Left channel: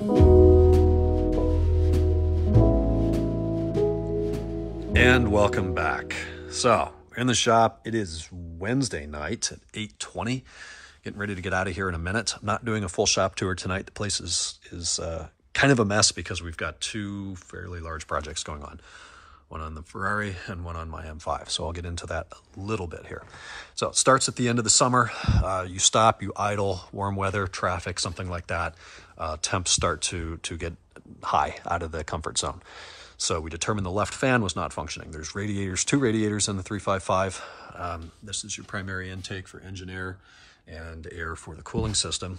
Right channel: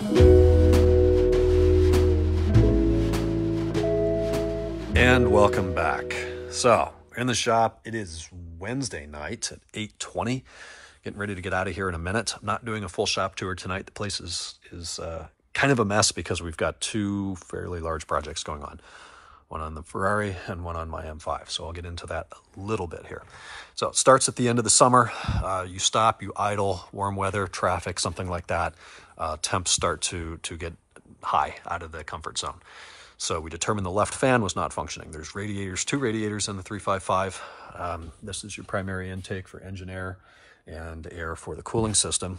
And welcome back. So we're in the shop. It is Wednesday night at 8:20. Getting ready to get out of here in a minute. I'm not doing a full shop tour tonight. The place is kind of a mess because we've got two fairly large projects going on. One on the Ferrari and one on my M5. So I'll get into that a little bit here. So it starts at the end of the summer. You stop, you idle, warm weather, traffic, something like that. Temps start to get high, out of the comfort zone. So we determined the left fan was not functioning. There's radiators, two radiators in the 355. This is your primary intake for engine air and air for the cooling system.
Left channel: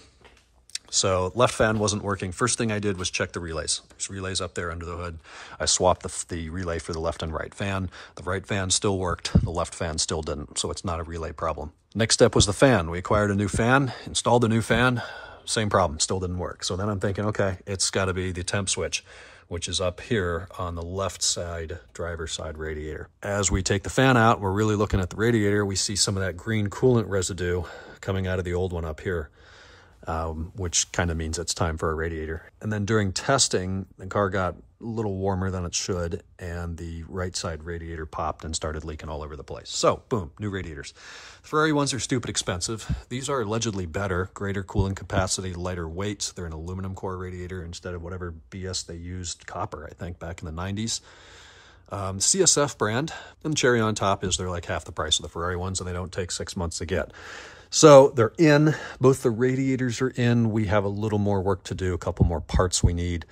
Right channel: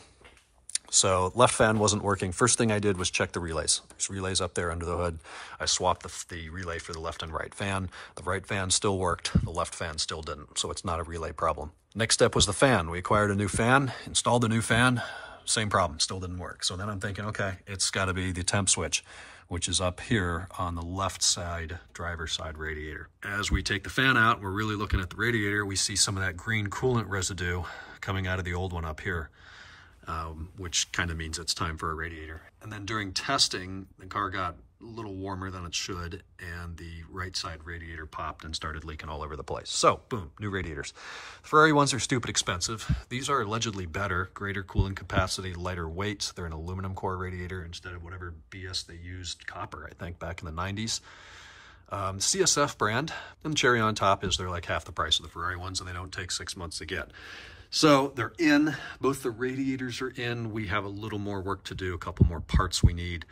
So left fan wasn't working. First thing I did was check the relays. There's relays up there under the hood. I swapped the relay for the left and right fan. The right fan still worked. The left fan still didn't. So it's not a relay problem. Next step was the fan. We acquired a new fan, installed a new fan. Same problem, still didn't work. So then I'm thinking, okay, it's got to be the temp switch, which is up here on the left side, driver's side radiator. As we take the fan out, we're really looking at the radiator. We see some of that green coolant residue coming out of the old one up here. Which kind of means it's time for a radiator. And then during testing, the car got a little warmer than it should, and the right side radiator popped and started leaking all over the place. So, boom, new radiators. Ferrari ones are stupid expensive. These are allegedly better, greater cooling capacity, lighter weight. They're an aluminum core radiator instead of whatever BS they used, copper, I think, back in the 90s. CSF brand, and the cherry on top is they're like half the price of the Ferrari ones, and they don't take 6 months to get. So they're in, both the radiators are in. We have a little more work to do, a couple more parts we need.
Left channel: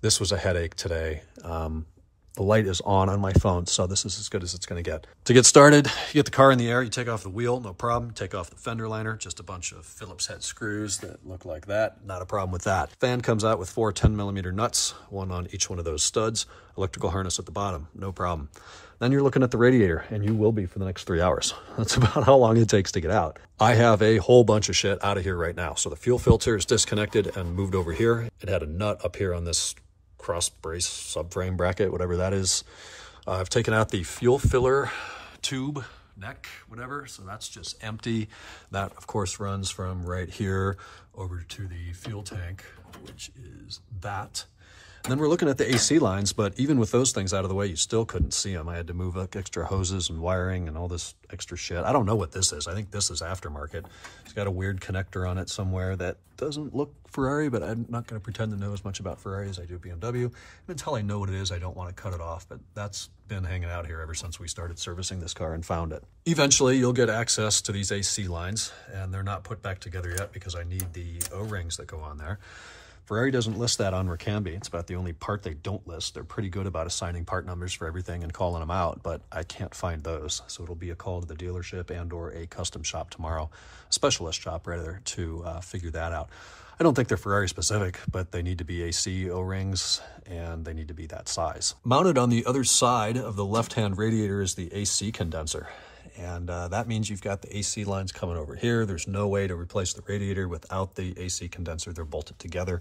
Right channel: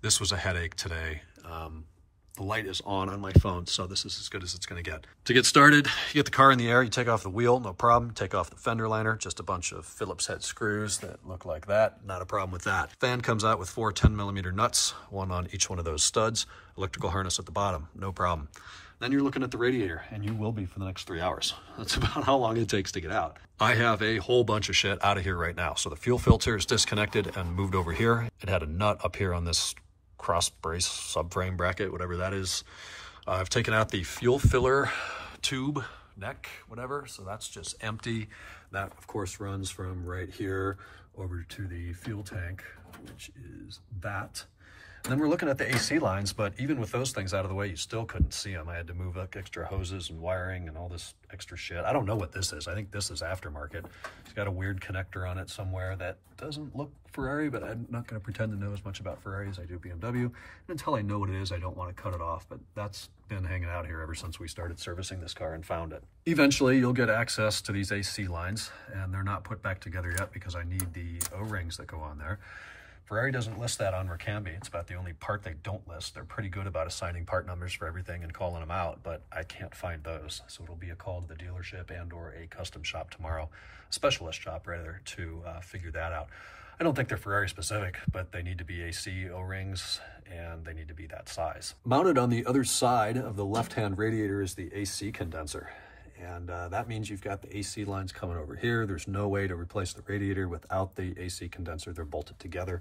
This was a headache today. The light is on my phone, so this is as good as it's gonna get. To get started, you get the car in the air, you take off the wheel, no problem. Take off the fender liner, just a bunch of Phillips head screws that look like that. Not a problem with that. Fan comes out with 4 10mm nuts, one on each one of those studs. Electrical harness at the bottom, no problem. Then you're looking at the radiator, and you will be for the next 3 hours. That's about how long it takes to get out. I have a whole bunch of shit out of here right now. So the fuel filter is disconnected and moved over here. It had a nut up here on this cross brace subframe bracket, whatever that is. I've taken out the fuel filler tube, neck, whatever. So that's just empty. That, of course, runs from right here over to the fuel tank, which is that. And then we're looking at the AC lines, but even with those things out of the way, you still couldn't see them. I had to move like extra hoses and wiring and all this extra shit. I don't know what this is. I think this is aftermarket. It's got a weird connector on it somewhere that doesn't look Ferrari, but I'm not going to pretend to know as much about Ferrari as I do BMW. And until I know what it is, I don't want to cut it off, but that's been hanging out here ever since we started servicing this car and found it. Eventually, you'll get access to these AC lines, and they're not put back together yet because I need the O-rings that go on there. Ferrari doesn't list that on Ricambi. It's about the only part they don't list. They're pretty good about assigning part numbers for everything and calling them out, but I can't find those. So it'll be a call to the dealership and or a custom shop tomorrow, a specialist shop rather, to figure that out. I don't think they're Ferrari specific, but they need to be AC O-rings and they need to be that size. Mounted on the other side of the left-hand radiator is the AC condenser. And that means you've got the AC lines coming over here. There's no way to replace the radiator without the AC condenser. They're bolted together.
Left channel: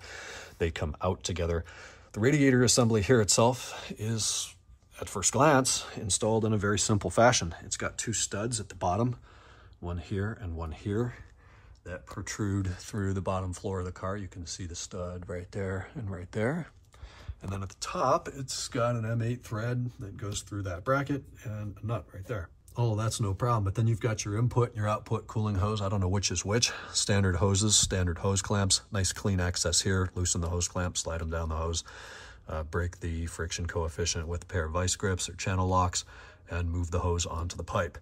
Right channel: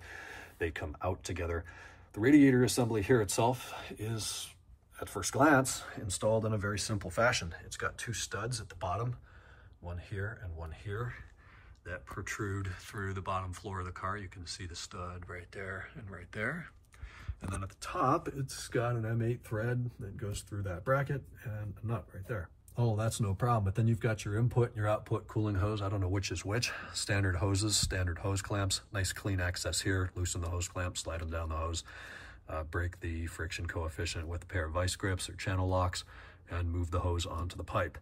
They come out together. The radiator assembly here itself is, at first glance, installed in a very simple fashion. It's got 2 studs at the bottom, one here and one here, that protrude through the bottom floor of the car. You can see the stud right there and right there. And then at the top, it's got an M8 thread that goes through that bracket and a nut right there. Oh, that's no problem. But then you've got your input and your output cooling hose. I don't know which is which. Standard hoses, standard hose clamps. Nice clean access here. Loosen the hose clamp, slide them down the hose. Break the friction coefficient with a pair of vice grips or channel locks and move the hose onto the pipe.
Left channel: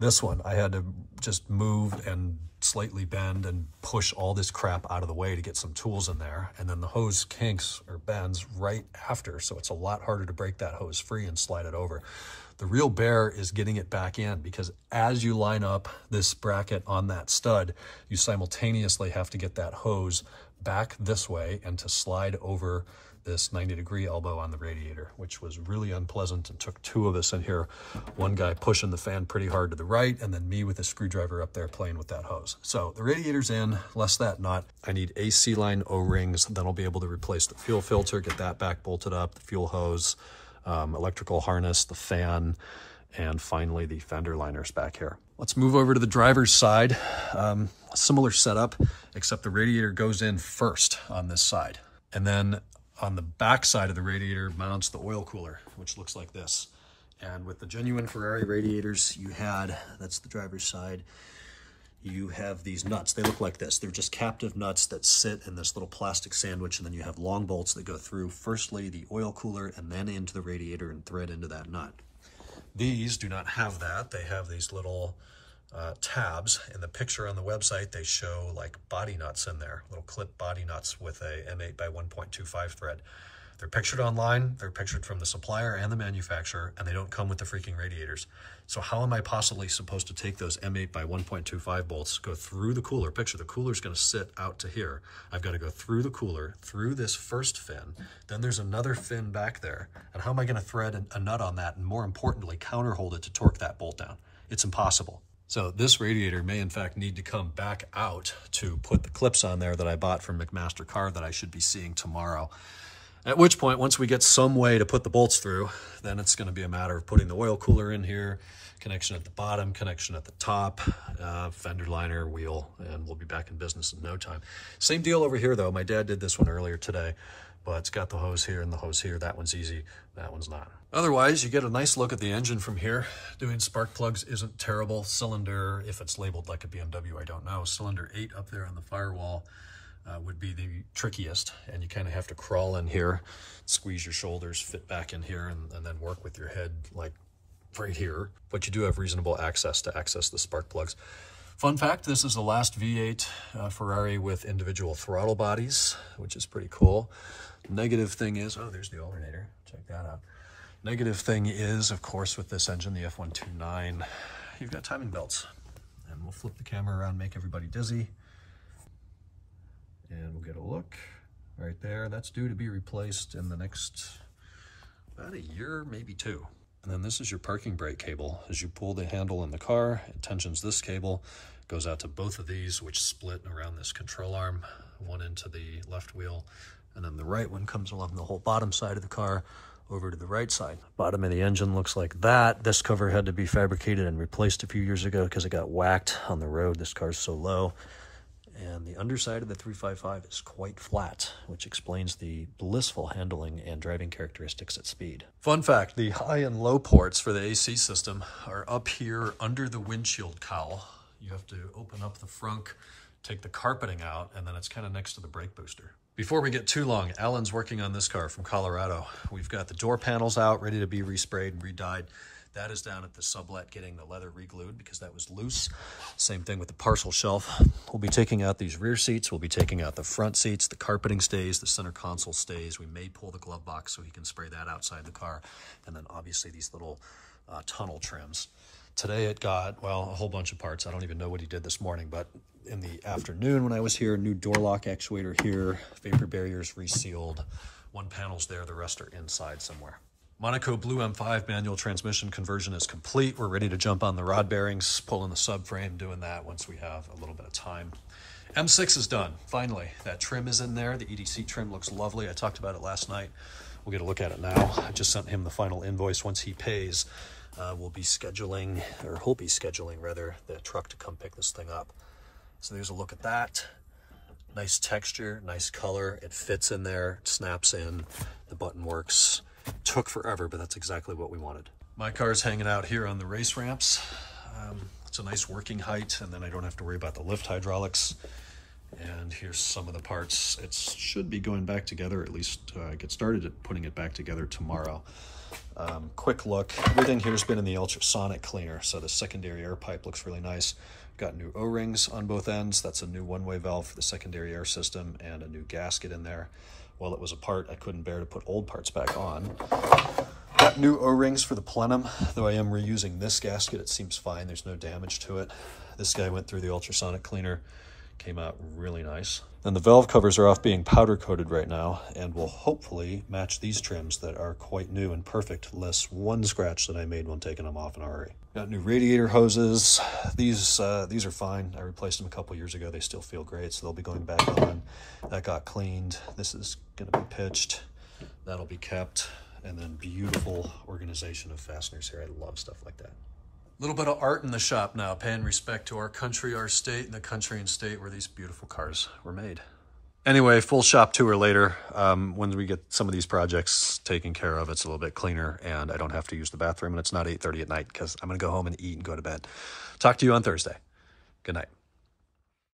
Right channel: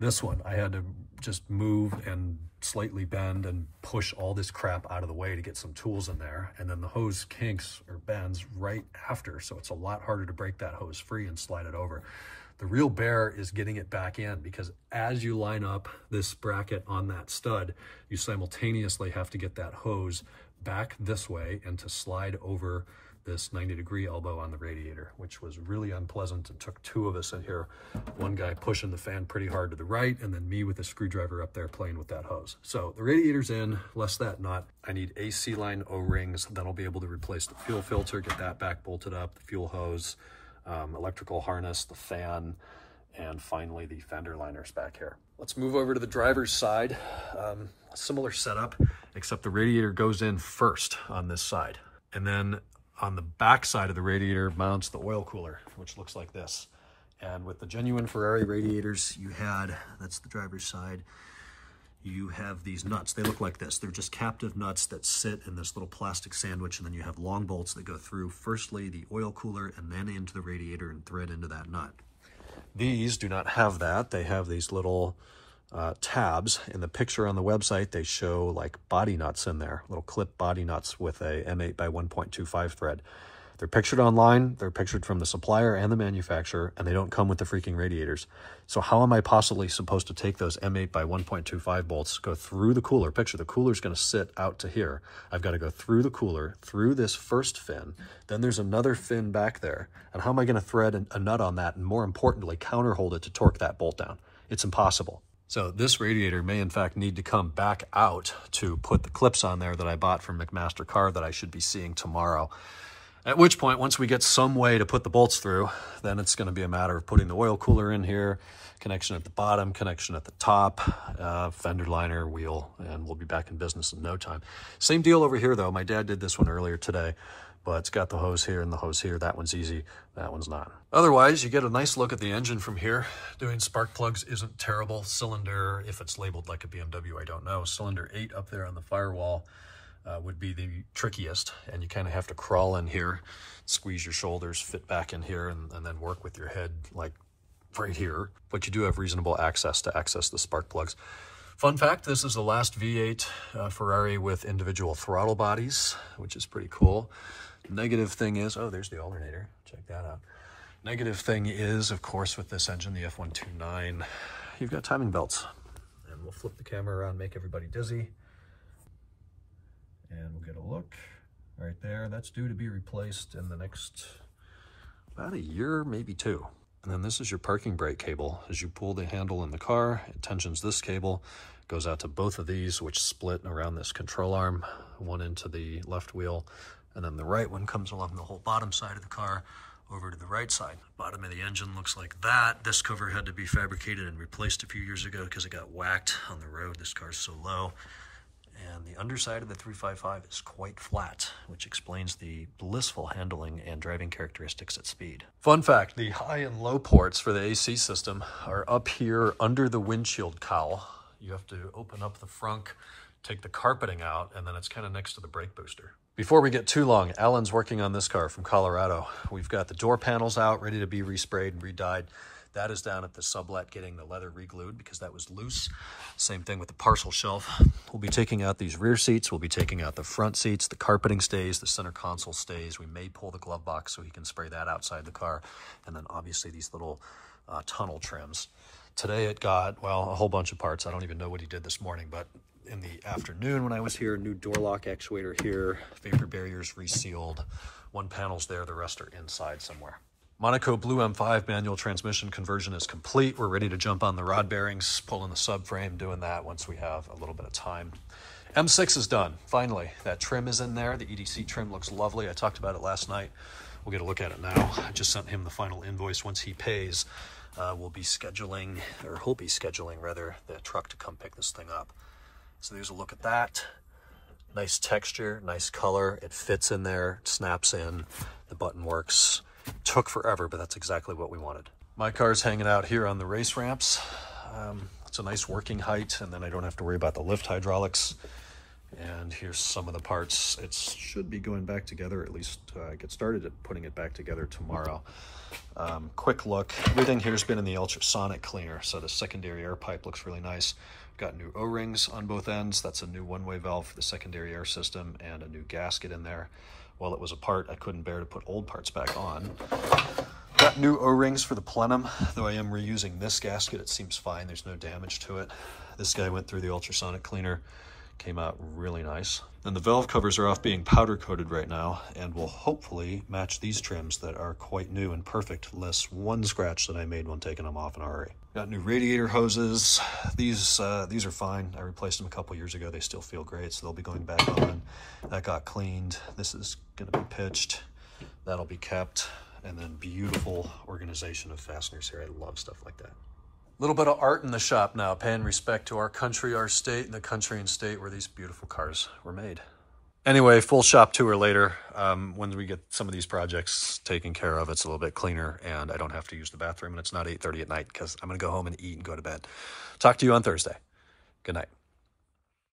This one, I had to just move and slightly bend and push all this crap out of the way to get some tools in there. And then the hose kinks or bends right after. So it's a lot harder to break that hose free and slide it over. The real bear is getting it back in, because as you line up this bracket on that stud, you simultaneously have to get that hose back this way and to slide over this 90-degree elbow on the radiator, which was really unpleasant. It took 2 of us in here, one guy pushing the fan pretty hard to the right, and then me with a screwdriver up there playing with that hose. So the radiator's in, less that nut. I need AC line O-rings, then I'll be able to replace the fuel filter, get that back bolted up, the fuel hose, electrical harness, the fan, and finally the fender liners back here. Let's move over to the driver's side. A similar setup, except the radiator goes in first on this side. And then on the back side of the radiator mounts the oil cooler, which looks like this. And with the genuine Ferrari radiators, that's the driver's side, you have these nuts. They look like this. They're just captive nuts that sit in this little plastic sandwich, and then you have long bolts that go through, firstly, the oil cooler and then into the radiator and thread into that nut. These do not have that. They have these little tabs. In the picture on the website, they show like body nuts in there, little clip body nuts with a M8 by 1.25 thread. They're pictured online, they're pictured from the supplier and the manufacturer, and they don't come with the freaking radiators. So how am I possibly supposed to take those M8 by 1.25 bolts, go through the cooler? Picture the cooler's gonna sit out to here. I've gotta go through the cooler, through this first fin, then there's another fin back there. And how am I gonna thread a nut on that? And more importantly, counterhold it to torque that bolt down? It's impossible. So this radiator may in fact need to come back out to put the clips on there that I bought from McMaster Car that I should be seeing tomorrow. At which point, once we get some way to put the bolts through, then it's going to be a matter of putting the oil cooler in here, connection at the bottom, connection at the top, fender liner, wheel, and we'll be back in business in no time. Same deal over here though. My dad did this one earlier today, but it's got the hose here and the hose here. That one's easy, that one's not. Otherwise, you get a nice look at the engine from here. Doing spark plugs isn't terrible. Cylinder, if it's labeled like a BMW, I don't know. Cylinder 8 up there on the firewall would be the trickiest, and you kind of have to crawl in here, squeeze your shoulders, fit back in here, and then work with your head like right here. But you do have reasonable access to access the spark plugs. Fun fact, this is the last V8 Ferrari with individual throttle bodies, which is pretty cool. Negative thing is, oh, there's the alternator, check that out. Negative thing is, of course, with this engine, the F129, you've got timing belts. And we'll flip the camera around, make everybody dizzy. And we'll get a look right there. That's due to be replaced in the next about a year, maybe 2. And then this is your parking brake cable. As you pull the handle in the car, it tensions this cable, goes out to both of these, which split around this control arm, one into the left wheel, and then the right one comes along the whole bottom side of the car over to the right side. Bottom of the engine looks like that. This cover had to be fabricated and replaced a few years ago because it got whacked on the road. This car's so low. And the underside of the 355 is quite flat, which explains the blissful handling and driving characteristics at speed. Fun fact, the high and low ports for the AC system are up here under the windshield cowl. You have to open up the frunk, take the carpeting out, and then it's kind of next to the brake booster. Before we get too long, Alan's working on this car from Colorado. We've got the door panels out, ready to be resprayed and re-dyed. That is down at the sublet getting the leather re-glued because that was loose. Same thing with the parcel shelf. We'll be taking out these rear seats. We'll be taking out the front seats. The carpeting stays. The center console stays. We may pull the glove box so he can spray that outside the car. And then obviously these little tunnel trims. Today it got, well, a whole bunch of parts. I don't even know what he did this morning, but in the afternoon when I was here, new door lock actuator here, vapor barriers resealed. One panel's there, the rest are inside somewhere. Monaco Blue M5 manual transmission conversion is complete. We're ready to jump on the rod bearings, pulling the subframe, doing that once we have a little bit of time. M6 is done, finally. That trim is in there. The EDC trim looks lovely. I talked about it last night. We'll get a look at it now. I just sent him the final invoice. Once he pays, we'll be scheduling, or he'll be scheduling rather, the truck to come pick this thing up. So there's a look at that. Nice texture, nice color. It fits in there, it snaps in, the button works. Took forever, but that's exactly what we wanted. My car's hanging out here on the race ramps. It's a nice working height, and then I don't have to worry about the lift hydraulics. And here's some of the parts. It should be going back together, at least get started at putting it back together tomorrow. Quick look, everything here's been in the ultrasonic cleaner, so the secondary air pipe looks really nice. Got new O-rings on both ends. That's a new one-way valve for the secondary air system and a new gasket in there. While it was apart, I couldn't bear to put old parts back on. Got new O-rings for the plenum, though I am reusing this gasket. It seems fine, there's no damage to it. This guy went through the ultrasonic cleaner, came out really nice. And the valve covers are off being powder coated right now and will hopefully match these trims that are quite new and perfect, less one scratch that I made when taking them off in a hurry. Got new radiator hoses. These are fine. I replaced them a couple years ago. They still feel great, so they'll be going back on. That got cleaned. This is gonna be pitched. That'll be kept. And then beautiful organization of fasteners here. I love stuff like that. Little bit of art in the shop now, paying respect to our country, our state, and the country and state where these beautiful cars were made. Anyway, full shop tour later. When we get some of these projects taken care of, it's a little bit cleaner and I don't have to use the bathroom and it's not 8:30 at night because I'm going to go home and eat and go to bed. Talk to you on Thursday. Good night.